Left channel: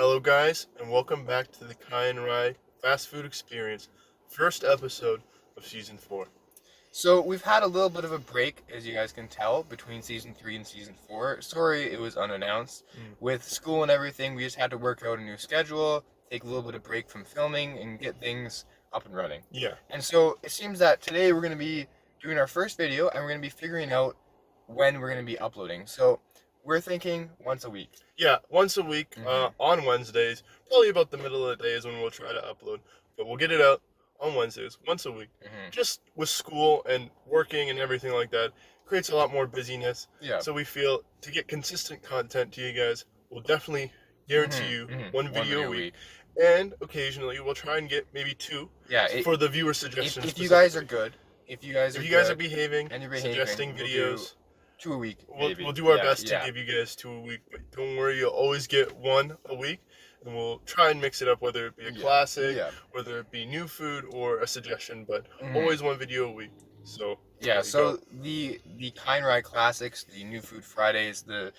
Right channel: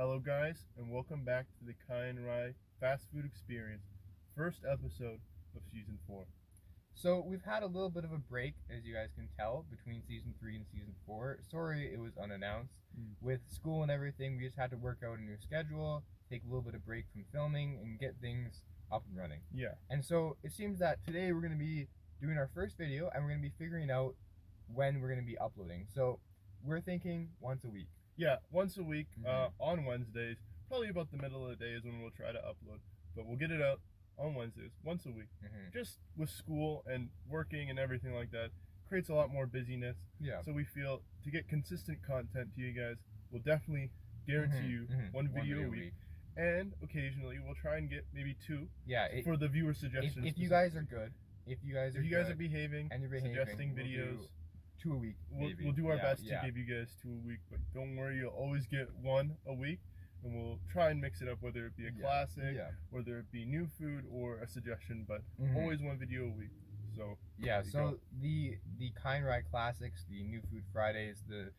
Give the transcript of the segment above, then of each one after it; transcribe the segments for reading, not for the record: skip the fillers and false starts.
Hello guys, and welcome back to the Kai and Rye Fast Food Experience, first episode of Season 4. So we've had a little bit of a break, as you guys can tell, between Season 3 and Season 4. Sorry it was unannounced. With school and everything, we just had to work out a new schedule, take a little bit of break from filming, and get things up and running. Yeah. And so it seems that today we're going to be doing our first video, and we're going to be figuring out when we're going to be uploading. So we're thinking once a week. Yeah, once a week on Wednesdays. Probably about the middle of the day is when we'll try to upload. But we'll get it out on Wednesdays, once a week. Just with school and working and everything like that, creates a lot more busyness. Yeah. So we feel to get consistent content to you guys, we'll definitely guarantee you one video a week. And occasionally we'll try and get maybe two for the viewer suggestions. If you guys are good, if you guys are behaving and you're suggesting videos, 2 a week. We'll do our best to give you guys 2 a week, but don't worry, you'll always get 1 a week, and we'll try and mix it up, whether it be a classic, whether it be new food or a suggestion, but always 1 video a week. So so the Kai and Rye classics, the new food Fridays, the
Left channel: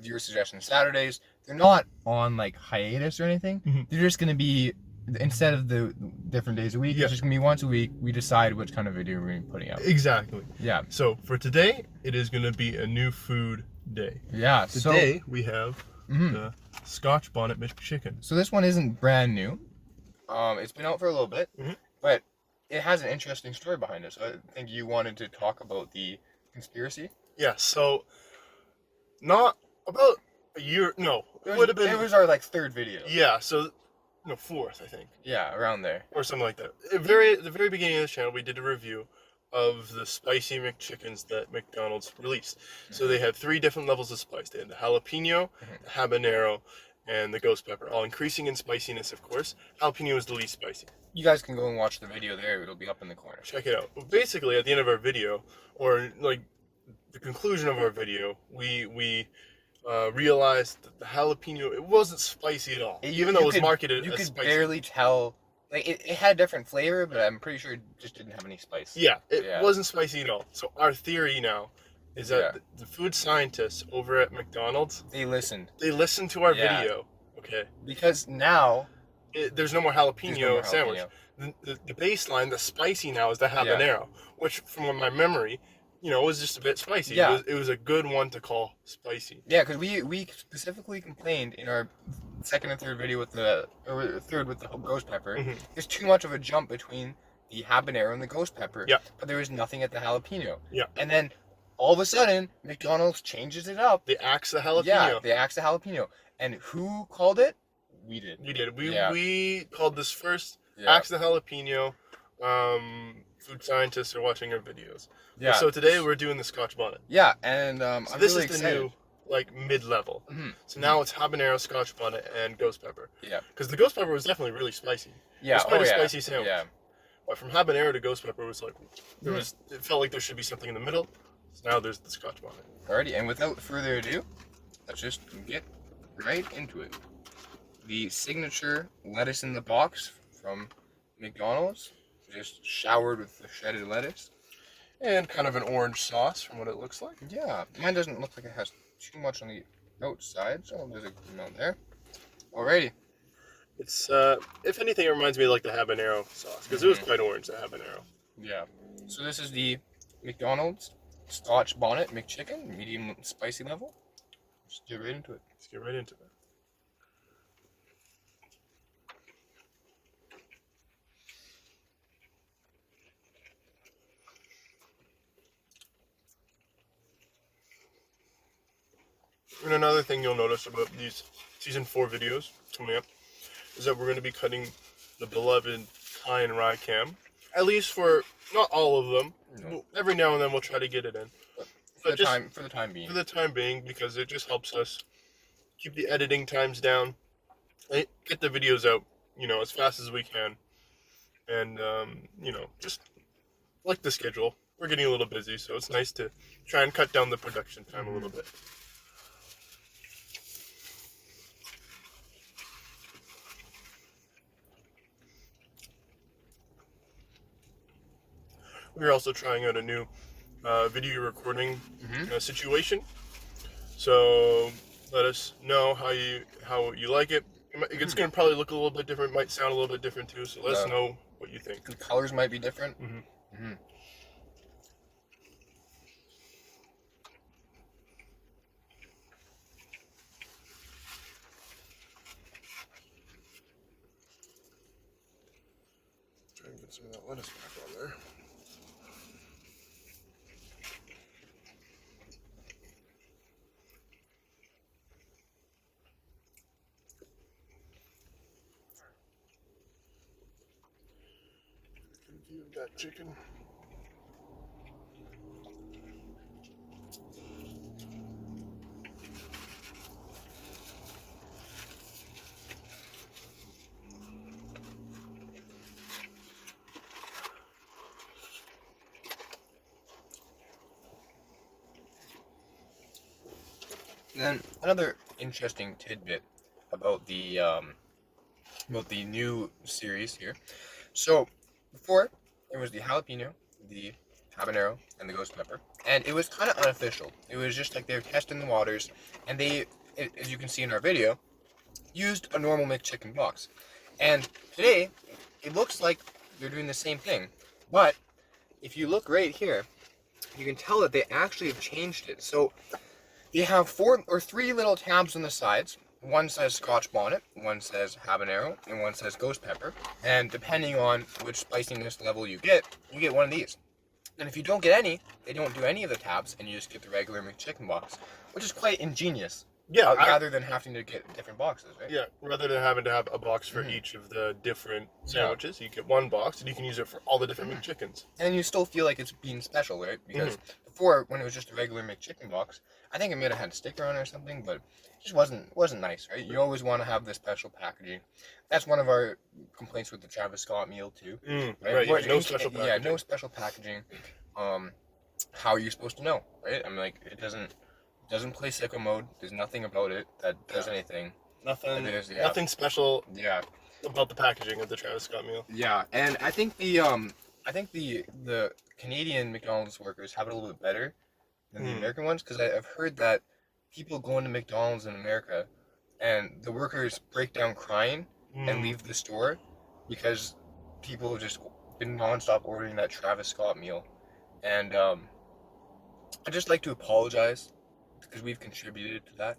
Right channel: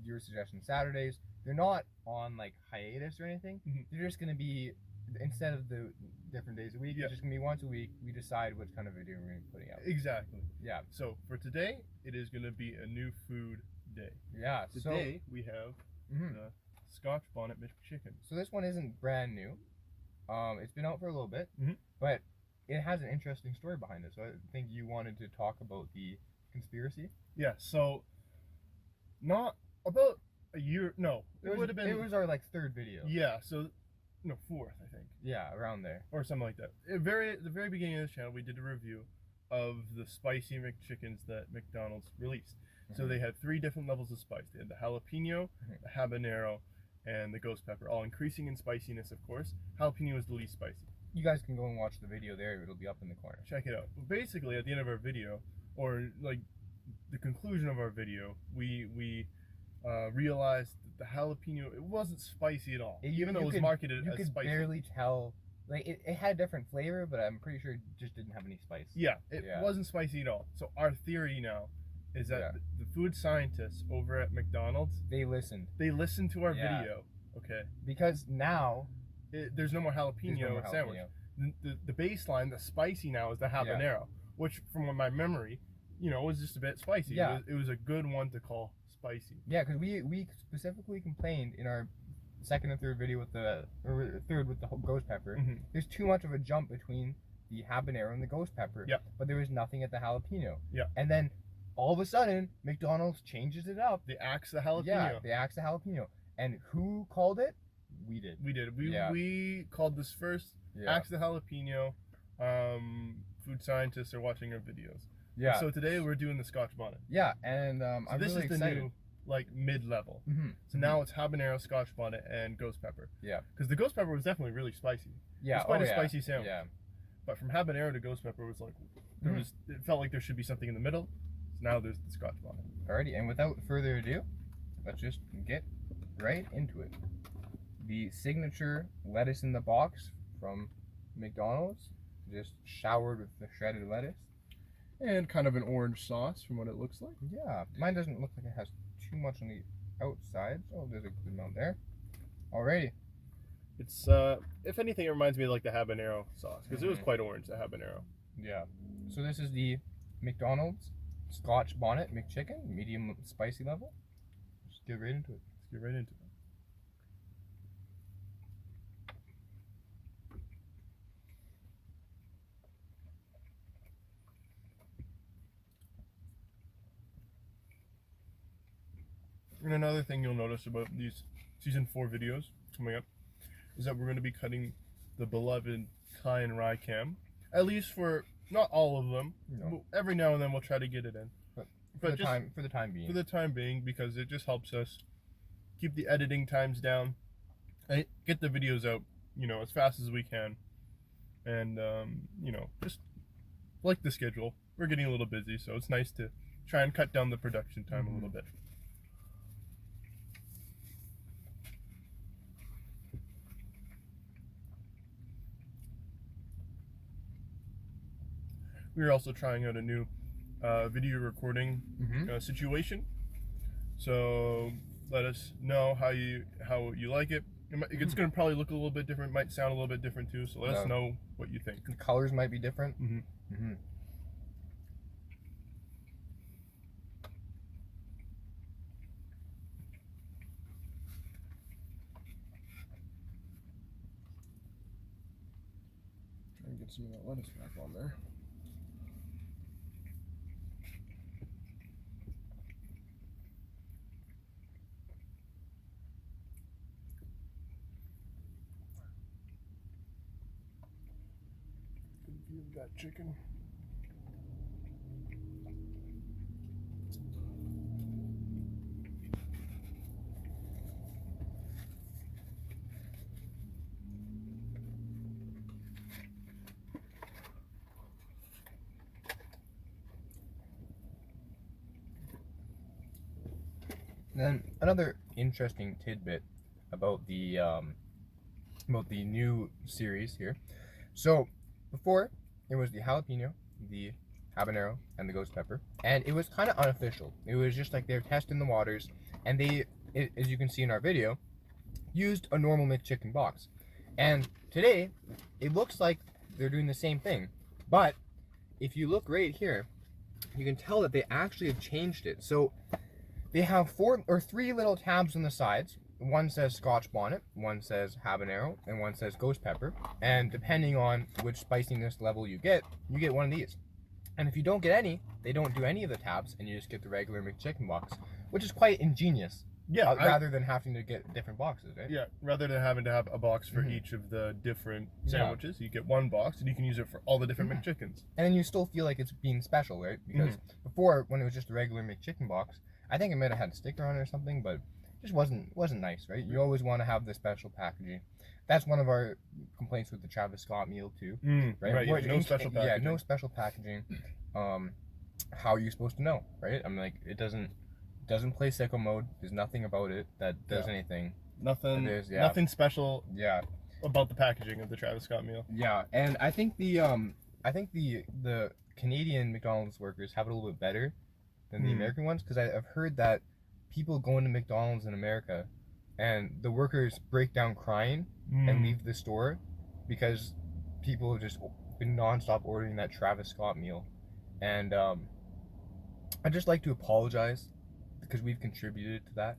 viewer suggestion Saturdays, they're not on like hiatus or anything. They're just gonna be, instead of the different days a week, it's just gonna be once a week. We decide which kind of video we're gonna be putting out. Exactly. Yeah. So for today, it is gonna be a new food day. Yeah. Today we have the Scotch Bonnet McChicken. So this one isn't brand new. It's been out for a little bit, but it has an interesting story behind it. So I think you wanted to talk about the conspiracy. Yeah. So not about a year. No, it would have been. It was our like 3rd video. Yeah. So. No, 4th, I think. Yeah, around there. Or something like that. At the very beginning of the channel, we did a review of the spicy McChickens that McDonald's released. So they had 3 different levels of spice. They had the jalapeno, the habanero, and the ghost pepper, all increasing in spiciness, of course. Jalapeno is the least spicy. You guys can go and watch the video there. It'll be up in the corner. Check it out. Well, basically, at the end of our video, or like the conclusion of our video, we realized that the jalapeno, it wasn't spicy at all, even though it was marketed as spicy. You could barely tell. Like it had different flavor, but I'm pretty sure it just didn't have any spice. Yeah, it wasn't spicy at all. So our theory now is that the food scientists over at McDonald's, they listened to our video, okay? Because now there's no more jalapeno sandwich. The baseline, the spicy now is the habanero, which from my memory, was just a bit spicy. Yeah. It was a good one to call spicy. Yeah, because we specifically complained in our 2nd and 3rd video with the 3rd with the ghost pepper. There's too much of a jump between the habanero and the ghost pepper. Yeah. But there was nothing at the jalapeno. Yeah. And then all of a sudden, McDonald's changes it up. They axed the jalapeno. Yeah, they axed the jalapeno. And who called it? We did. We called this first. Axe the jalapeno. Food scientists are watching our videos. Yeah. So today we're doing the Scotch Bonnet. Yeah, and so I'm this really is the excited. New like mid-level. So now it's habanero, Scotch Bonnet, and ghost pepper. Yeah. Because the ghost pepper was definitely really spicy. Yeah. It was quite a spicy sandwich. Yeah. But from habanero to ghost pepper was like it felt like there should be something in the middle. So now there's the Scotch Bonnet. Alrighty, and without further ado, let's just get right into it. The signature lettuce in the box from McDonald's, just showered with the shredded lettuce. And kind of an orange sauce from what it looks like. Yeah, mine doesn't look like it has too much on the outside, so there's a amount there. Alrighty. It's, if anything, it reminds me of like the habanero sauce, because it was quite orange, the habanero. Yeah. So this is the McDonald's Scotch Bonnet McChicken, medium spicy level. Let's get right into it. And another thing you'll notice about these Season 4 videos coming up is that we're going to be cutting the beloved Kai and Rye cam. At least for, not all of them. No. Every now and then we'll try to get it in. But for the time being, because it just helps us keep the editing times down and get the videos out, as fast as we can. And, just like the schedule. We're getting a little busy, so it's nice to try and cut down the production time a little bit. We are also trying out a new video recording situation. So Let us know how you like it. It's going to probably look a little bit different. Might sound a little bit different too. So let us know what you think. The colors might be different. Try and get some of that lettuce back on there. Good view of that chicken. Then another interesting tidbit about the new series here. So before it was the jalapeno, the habanero, and the ghost pepper, and it was kind of unofficial. It was just like they were testing the waters, and as you can see in our video, used a normal McChicken box. And today it looks like they're doing the same thing, but if you look right here, you can tell that they actually have changed it. So they have 4 or 3 little tabs on the sides. One says Scotch Bonnet, one says habanero, and one says ghost pepper. And depending on which spiciness level you get one of these. And if you don't get any, they don't do any of the tabs, and you just get the regular McChicken box, which is quite ingenious. Yeah, rather than having to get different boxes, right? Yeah, rather than having to have a box for each of the different sandwiches, you get one box and you can use it for all the different McChickens. And you still feel like it's being special, right? Because before, when it was just a regular McChicken box, I think it might have had a sticker on it or something, but it just wasn't nice, right? You always want to have the special packaging. That's one of our complaints with the Travis Scott meal too, right? Yeah, no special packaging. Yeah, no special packaging. How are you supposed to know, right? I'm like, it doesn't play sicko mode. There's nothing about it that does anything. Nothing special. Yeah. About the packaging of the Travis Scott meal. Yeah, and I think the Canadian McDonald's workers have it a little bit better than the American ones, because I've heard that people go into McDonald's in America and the workers break down crying and leave the store because people have just been nonstop ordering that Travis Scott meal. And I'd just like to apologize because we've contributed to that.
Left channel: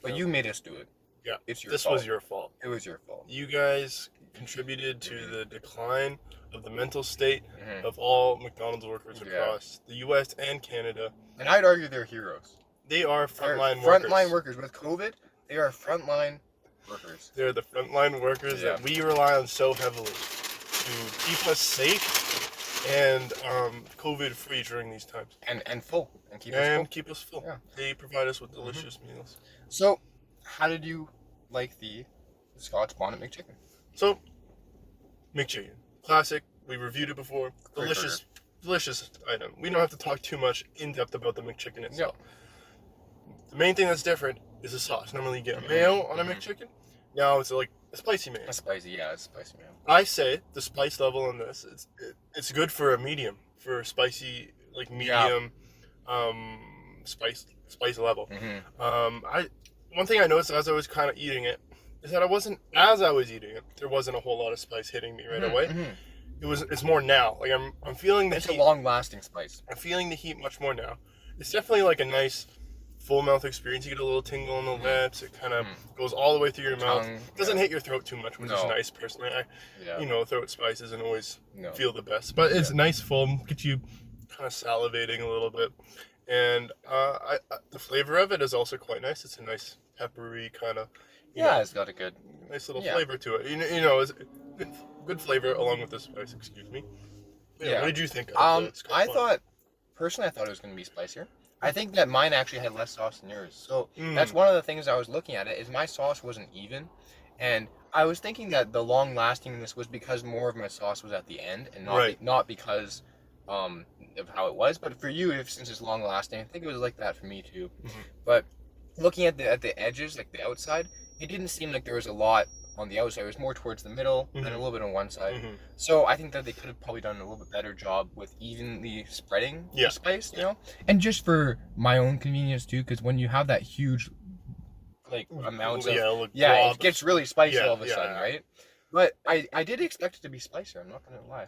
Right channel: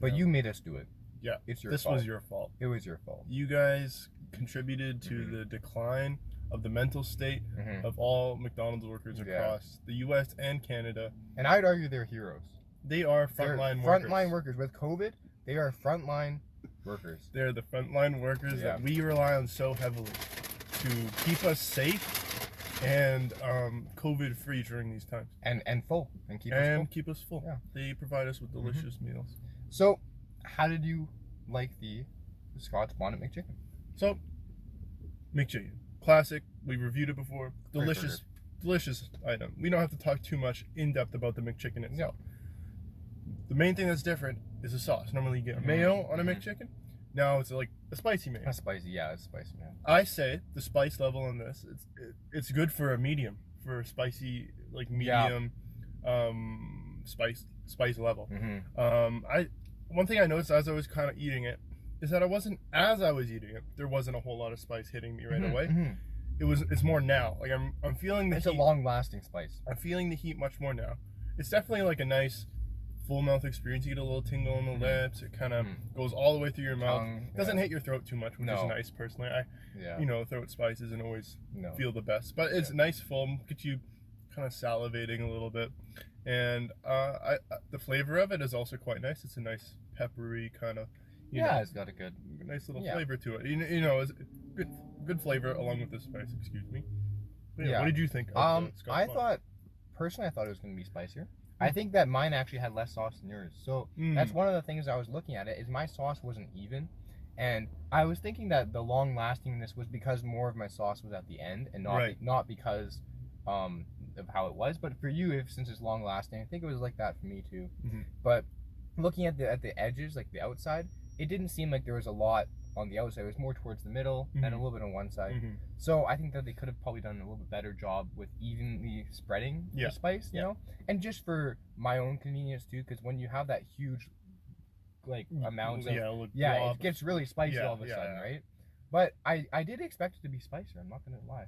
But you made us do it. Yeah, it's your fault. This was your fault. It was your fault. You guys contributed to the decline of the mental state of all McDonald's workers across the U.S. and Canada. And I'd argue they're heroes. They are frontline workers. Frontline workers. With COVID, they are frontline workers. They're the frontline workers that we rely on so heavily to keep us safe and COVID-free during these times. And full. And keep us full. Yeah. They provide us with delicious meals. So, how did you like the Scotch Bonnet McChicken? So, McChicken. Classic. We reviewed it before. Delicious item. We don't have to talk too much in depth about the McChicken itself. The main thing that's different is the sauce. Normally you get mayo on a McChicken. Now it's like a spicy mayo. It's spicy mayo. I say the spice level on this, it's good for a medium, for a spicy, like medium spice level. One thing I noticed as I was kind of eating it is that as I was eating it, there wasn't a whole lot of spice hitting me right away. It's more now. Like I'm feeling the heat. It's a long-lasting spice. I'm feeling the heat much more now. It's definitely like a nice full mouth experience. You get a little tingle in the lips. It kind of goes all the way through your mouth. It doesn't hit your throat too much, which is nice personally. Throat spice isn't always feel the best, but it's nice full. Get you kind of salivating a little bit. And the flavor of it is also quite nice. It's a nice peppery kind of, it's got a good, nice little flavor to it. It's good flavor along with the spice. Excuse me. What did you think of the Scotch Bonnet? Personally, I thought it was going to be spicier. I think that mine actually had less sauce than yours. So that's one of the things I was looking at. Is my sauce wasn't even, and I was thinking that the long lastingness was because more of my sauce was at the end, and not because of how it was. But for you, since it's long lasting, I think it was like that for me too. But looking at the edges, like the outside, it didn't seem like there was a lot on the outside. It was more towards the middle and a little bit on one side. So I think that they could have probably done a little bit better job with evenly spreading the spice, you know? And just for my own convenience too, because when you have that huge like amounts of like it gets really spicy all of a sudden, right? But I did expect it to be spicier. I'm not gonna lie.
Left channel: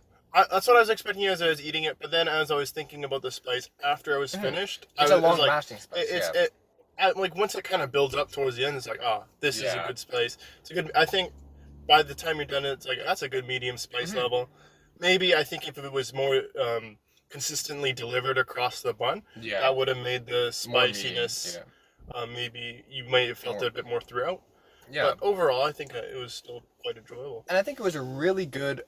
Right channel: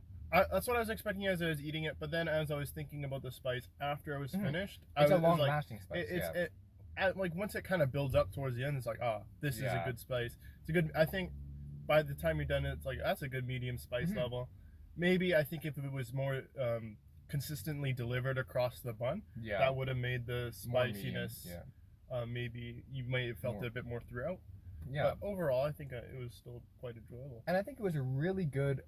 That's what I was expecting as I was eating it, but then as I was thinking about the spice after I was finished, it's a long-lasting spice. Like once it kind of builds up towards the end, it's like, this is a good spice. It's a good. I think by the time you're done, it's like that's a good medium spice level. Maybe I think if it was more consistently delivered across the bun, that would have made the spiciness. Maybe you might have felt it a bit more throughout. Yeah. But overall, I think it was still quite enjoyable. And I think it was a really good.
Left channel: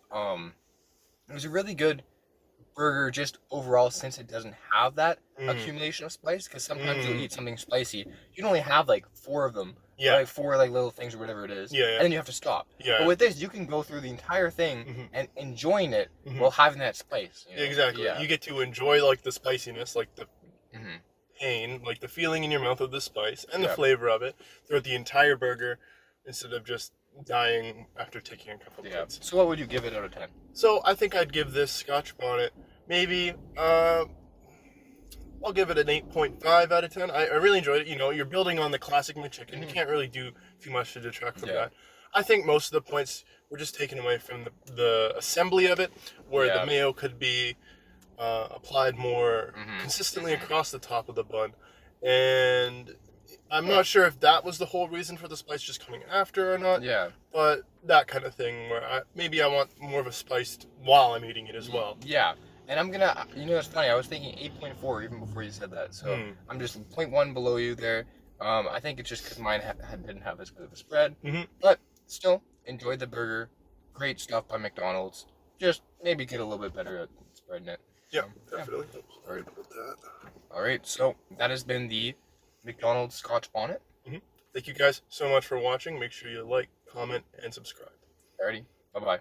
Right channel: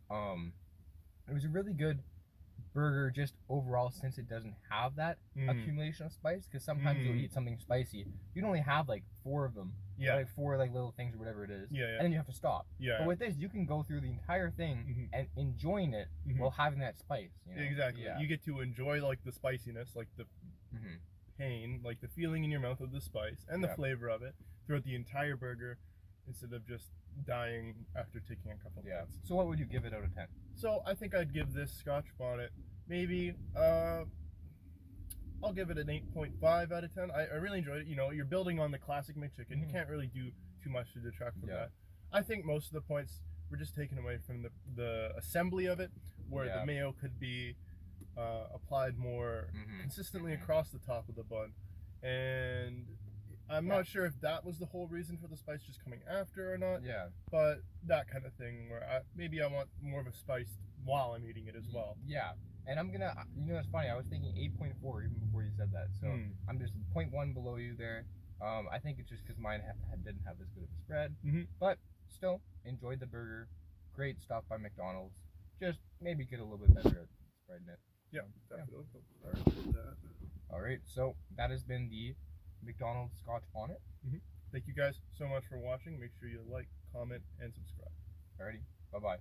Burger just overall, since it doesn't have that accumulation of spice, because sometimes you'll eat something spicy, you only have like 4 of them, like 4 like little things or whatever it is, and then you have to stop. But with this, you can go through the entire thing and enjoying it while having that spice. You know? Exactly. You get to enjoy like the spiciness, like the pain, like the feeling in your mouth of the spice and the flavor of it throughout the entire burger, instead of just dying after taking a couple bites. So what would you give it out of 10? So I think I'd give this Scotch Bonnet maybe I'll give it an 8.5 out of 10. I really enjoyed it. You know, you're building on the classic McChicken. You can't really do too much to detract from that. I think most of the points were just taken away from the assembly of it, where the mayo could be applied more consistently across the top of the bun. And I'm not sure if that was the whole reason for the spice just coming after or not. But that kind of thing where maybe I want more of a spiced while I'm eating it as well. And I'm gonna, you know, it's funny. I was thinking 8.4 even before you said that. So I'm just 0.1 below you there. I think it's just because mine didn't have as good of a spread. But still, enjoyed the burger. Great stuff by McDonald's. Just maybe get a little bit better at spreading it. Definitely. Sorry about that. All right, so that has been the McDonald's Scotch Bonnet. Thank you guys so much for watching. Make sure you like, comment, and subscribe. Alrighty, bye-bye.